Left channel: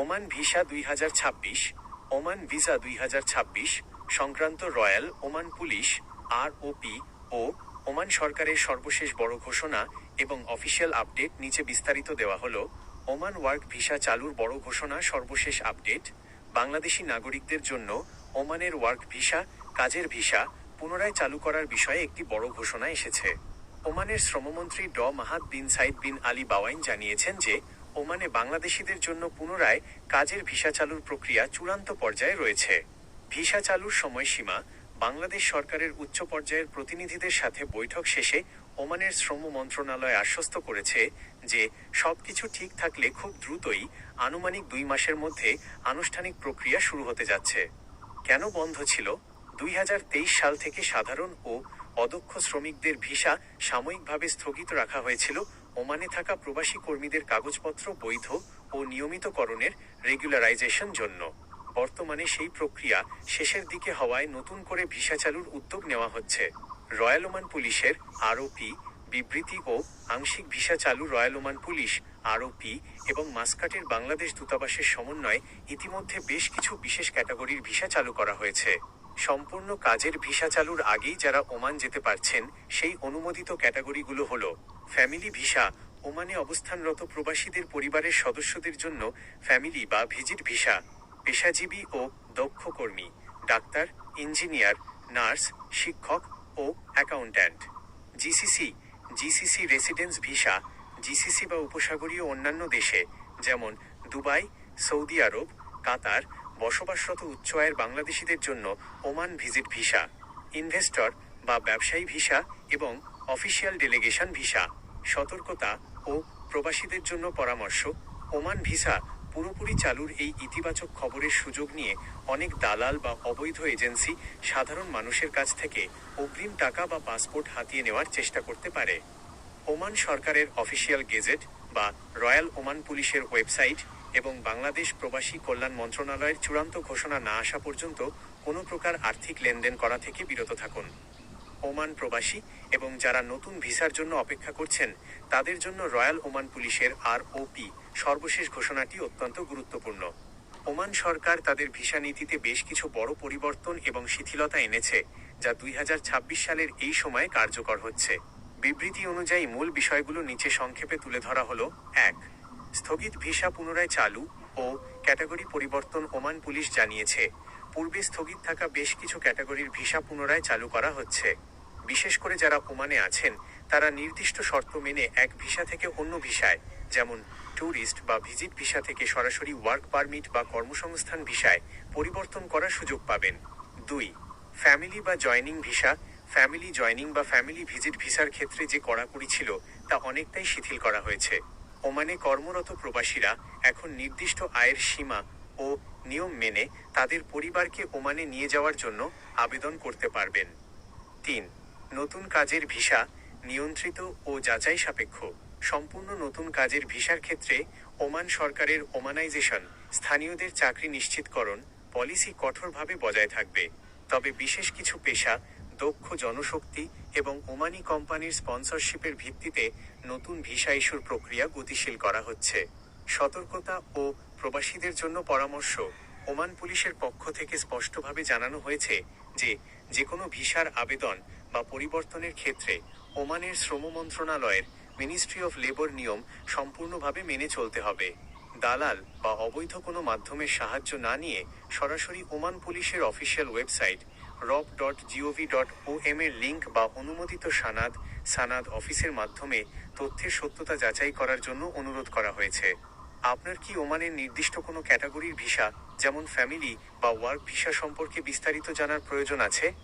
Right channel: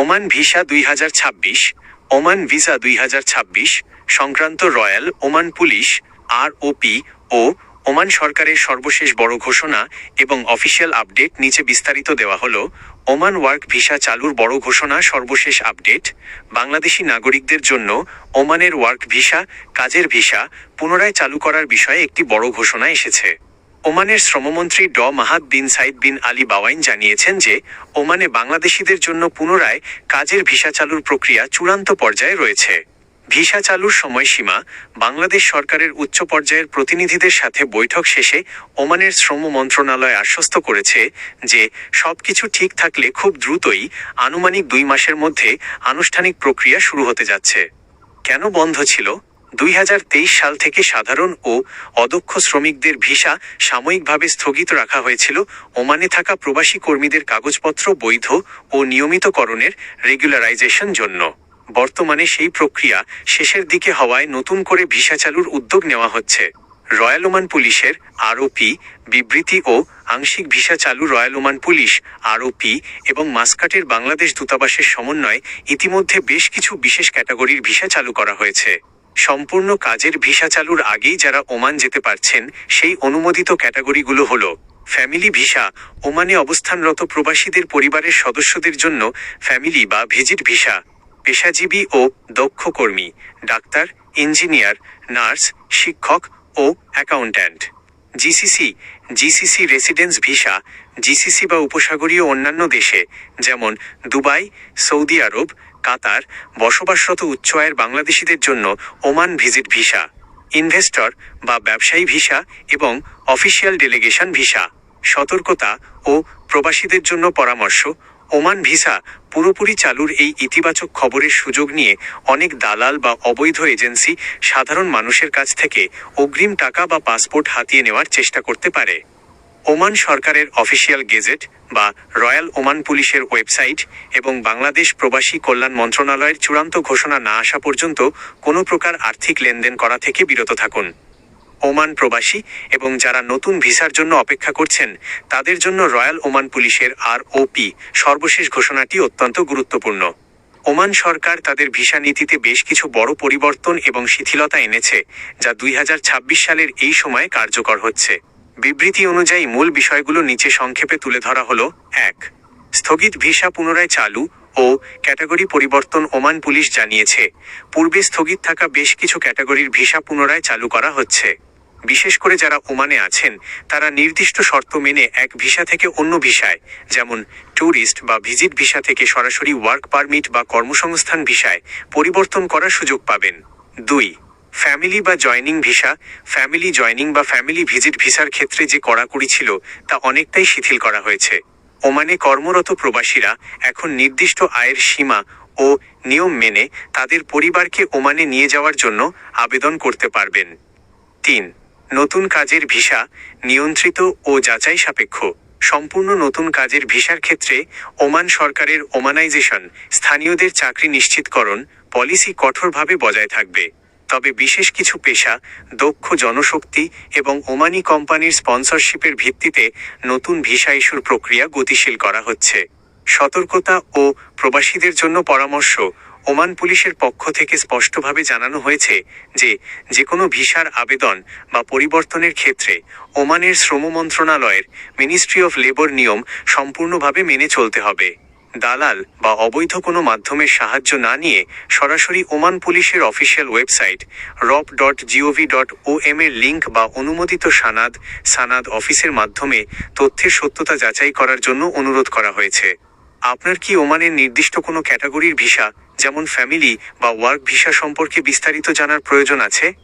Oman visa 2026, Oman visa 2026 সংক্রান্ত royal Oman police ROP ও Oman সরকারের সর্বশেষ বড় ঘোষণা এবং অফিসিয়াল আপডেট নিচে বিস্তারিত দেওয়া হলো। ওমান ওয়ার্ক ভিসা চালুর বড় ঘোষণা, সর্বশেষ আপডেট। বাংলাদেশি নাগরিকদের জন্য ওমানের ওয়ার্ক ভিসা, কাজের ভিসা পুনরায় চালু করার বিষয়ে একটি বড় ঘোষণা এসেছে। ওমানের শ্রমমন্ত্রী মাহাদ বিন সাইদ বিন আলী বাওয়াইন জানিয়েছেন যে ওমানে বাংলাদেশিদের জন্য পুনরায় কাজের ভিসা চালুর প্রক্রিয়া চূড়ান্ত পর্যায়ে রয়েছে। ভিসা চালুর সময়সীমা বাংলাদেশ সরকারের উচ্চ পর্যায়ের প্রতিনিধিদের সাথে বৈঠক শেষে ওমানের শ্রম মন্ত্রণালয় আশ্বস্ত করেছে যে সবকিছু ঠিক থাকলে খুব দ্রুতই আনুমানিক 2 মাসের মধ্যে আনুষ্ঠানিক প্রক্রিয়া শুরু হতে যাচ্ছে। কেন বন্ধ ছিল? 2023 সাল থেকে সাধারণ ও অদক্ষ শ্রমিকদের ভিসা সাময়িকভাবে স্থগিত রাখা হয়েছিল ওমানে থাকা প্রবাসী কর্মীদের কাগজপত্র বৈধ ও নিয়মিতকরণের রেগুলারাইজেশন জন্য। বর্তমানে সেই প্রক্রিয়া শেষের দিকে হওয়ায় নতুন করে ভিসা চালুর উদ্যোগ নেওয়া হচ্ছে। রয়্যাল ওমান পুলিশের ROP বিবৃতি ও আংশিক ভিসা চালু রয়্যাল ওমান পুলিশ ROP এবং মাস্কাটের বাংলাদেশ দূতাবাসের সমন্বয়ে ইতিমধ্যে বেশ কিছু বিশেষ ক্যাটাগরির ভিসা চালু করা হয়েছে। সম্পূর্ণ কাজের ভিসা চালুর আগেই যারা ওমান যেতে পারছেন সেই অনুমোদিত ক্যাটাগরিগুলো হলো: ফ্যামিলি ভিসা, ওমানে অবস্থানরত প্রবাসীদের পরিবারের সদস্যদের জন্য ফ্যামিলি বা ভিজিট ভিসা। পেশাজীবী ও দক্ষ কর্মী, ডাক্তার, ইঞ্জিনিয়ার, নার্স, শিক্ষক ও accountant. GCC residence visa, GCC বা উপসাগরীয় অন্যান্য দেশে যেমন দুবাই, সৌদি আরব, কাতার বসবাসরত উচ্চ আয়ের বাংলাদেশিদের জন্য ওমান ভিজিট ভিসা। ইনভেস্টর বা ব্যবসায়ী ভিসা এবং অফিসিয়াল ডেলিগেশন ভিসা। সতর্কতা ও প্রবাসীদের জন্য পরামর্শ: ওমান ভিসা পুরোপুরি চালুর এই ইতিবাচক খবরের সুযোগ নিয়ে অনেক দালাল বা অবৈধ এজেন্সি সাধারণ মানুষের কাছ থেকে অগ্রিম টাকা বা পাসপোর্ট হাতিয়ে নেওয়ার চেষ্টা করতে পারে। ওমান সরকারের অফিসিয়াল গেজেট বা রয়্যাল ওমান পুলিশের ওয়েবসাইট এবং বাংলাদেশ প্রবাসী কল্যাণ মন্ত্রণালয়ের চূড়ান্ত ঘোষণা না আসা পর্যন্ত কোনো প্রকার আর্থিক লেনদেন করা থেকে বিরত থাকুন। ওমান প্রবাসী এবং যারা নতুন ভিসার জন্য অপেক্ষা করছেন তাদের জন্য রয়্যাল ওমান পুলিশের ROP সর্বশেষ ঘোষণাটি অত্যন্ত গুরুত্বপূর্ণ। ওমান সরকার তাদের ভিসা নীতিতে বেশ কিছু বড় পরিবর্তন এবং শিথিলতা এনেছে, যা 2026 সালের এই সময়ে কার্যকর হচ্ছে। বিবৃতি অনুযায়ী মূল বিষয়গুলো নিচে সংক্ষেপে তুলে ধরা হলো: 1. স্থগিত ভিসা পুনরায় চালু ও ক্যাটাগরি পরিবর্তন। ওমান পুলিশ জানিয়েছে পূর্বে স্থগিত থাকা বেশ কিছু ক্যাটাগরির ভিসা পুনরায় চালু করা হচ্ছে। বিশেষ করে যারা ওমানে আছেন তারা নির্দিষ্ট শর্ত মেনে এক ভিসা থেকে অন্য ভিসায়, যেমন ট্যুরিস্ট বা ভিজিট ভিসা থেকে সরাসরি ওয়ার্ক পারমিট বা কর্মসংস্থান ভিসায় পরিবর্তন করার সুযোগ পাবেন। 2. ফ্যামিলি বা জয়নিং ভিসা। ফ্যামিলি জয়নিং বা ফ্যামিলি ভিজিট ভিসার ক্ষেত্রে যে কড়াকড়ি ছিল তা অনেকটাই শিথিল করা হয়েছে। ওমানে কর্মরত প্রবাসীরা এখন নির্দিষ্ট আয়ের সীমা ও নিয়ম মেনে তাদের পরিবারকে ওমানে নিয়ে যাওয়ার জন্য আবেদন করতে পারবেন। 3. নতুন কাজের ভিসা, নিয়ন্ত্রিত ও যাচাই সাপেক্ষ। সম্পূর্ণ নতুন কাজের ভিসার ক্ষেত্রে ওমান সরকারের ওমানাইজেশন স্থানীয়দের চাকরি নিশ্চিতকরণ পলিসি কঠোরভাবে বজায় থাকবে। তবে বিশেষ কিছু পেশা, দক্ষ জনশক্তি এবং ওমানি কোম্পানির স্পন্সরশিপের ভিত্তিতে নতুন ভিসা ইস্যুর প্রক্রিয়া গতিশীল করা হচ্ছে। সতর্কতা ও প্রবাসীদের জন্য পরামর্শ: ওমান পুলিশের পক্ষ থেকে স্পষ্টভাবে জানানো হয়েছে যে কোনো ভিসার আবেদন বা পরিবর্তনের ক্ষেত্রে ওমানের শ্রম মন্ত্রণালয়ের মিনিস্ট্রি অফ লেবার নিয়ম সম্পূর্ণভাবে মেনে চলতে হবে। দালাল বা অবৈধ কোনো মাধ্যমের সাহায্য না নিয়ে সরাসরি ওমান পুলিশের অফিসিয়াল ওয়েবসাইট rop.gov.om এর লিঙ্ক বা অনুমোদিত সানাদ অফিসের মাধ্যমে তথ্যের সত্যতা যাচাই করার জন্য অনুরোধ করা হয়েছে। আপনার কি ওমানের নির্দিষ্ট কোনো ক্যাটাগরির ভিসা, যেমন ফ্যামিলি বা ওয়ার্ক ভিসা সম্পর্কে বিস্তারিত জানার প্রয়োজন আছে?